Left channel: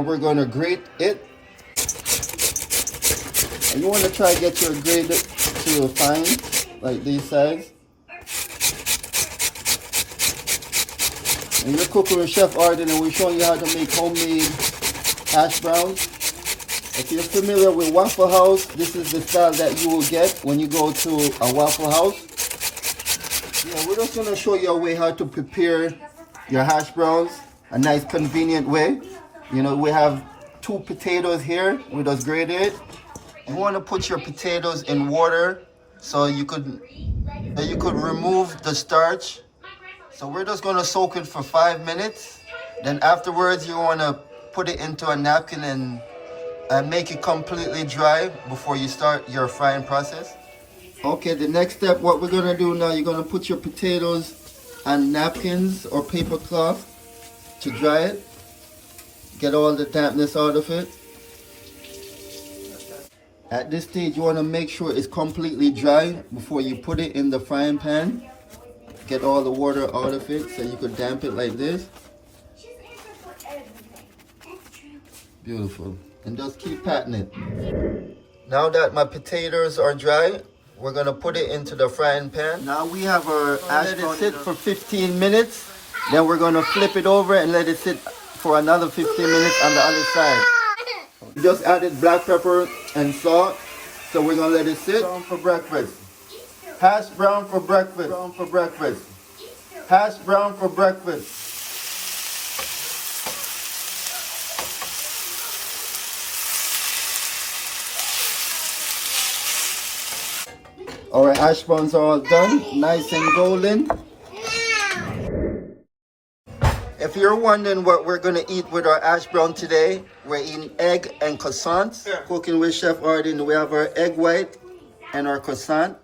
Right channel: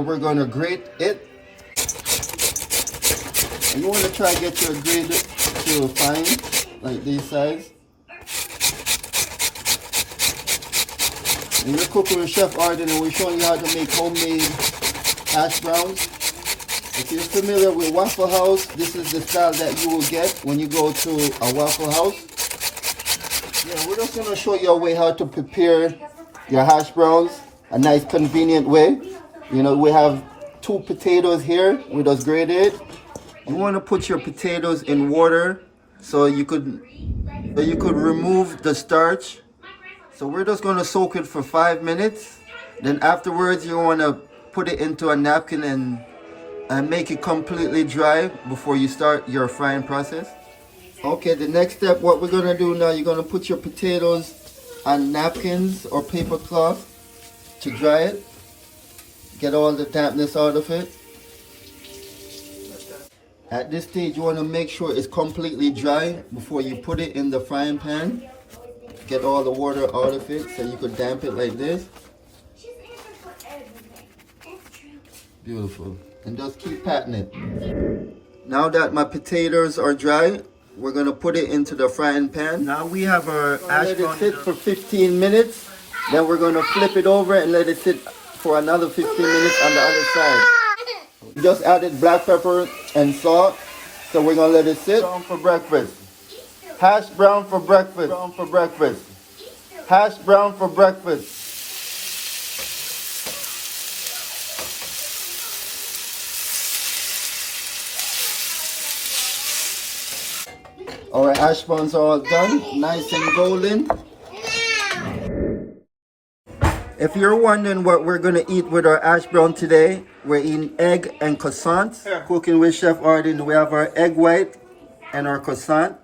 We're going to grate it. And you want to try to get your grate to fine, like this size. And you're cooking with Chef Arden, and we're showing you how to make homemade hash browns. If you're familiar with Waffle House, this is the style that you will get when you go to a Waffle House. Yeah, we're just going to show you a way how to prepare your hash browns, a nice convenient way. You know, we have 2 potatoes here, we just grated. You want to put your potatoes in water so you could remove the starch. So we're just going to soak it for 5 minutes. Then afterwards you want to put it into a napkin and make it completely dry before you start your frying process. Okay, the next step, what we're going to do now, you're going to put your potatoes on napkins or paper cloth to dry it. Get all the dampness out of it. At this stage, you want to make sure it's completely dry before you put it in the frying pan. Get all the water out of it so you could damp it like this. Beautiful. And just keep patting it. Now that my potatoes are dry, we're going to put it into the frying pan. Now we have our hash brown. Let it sit for 15 minutes. Then we're going to flip it over and let it sit for another 15 minutes on the other side. We just added black pepper and salt, so we're gonna let it sit. For breakfast. Hash brown for breakfast. For breakfast. Hash brown for breakfast. All right, hash browns are all done, nice and golden. If you're wondering what we're going to eat with our hash brown today, we're eating egg and croissants. Cooking with Chef Arden, we have our egg white and our croissant.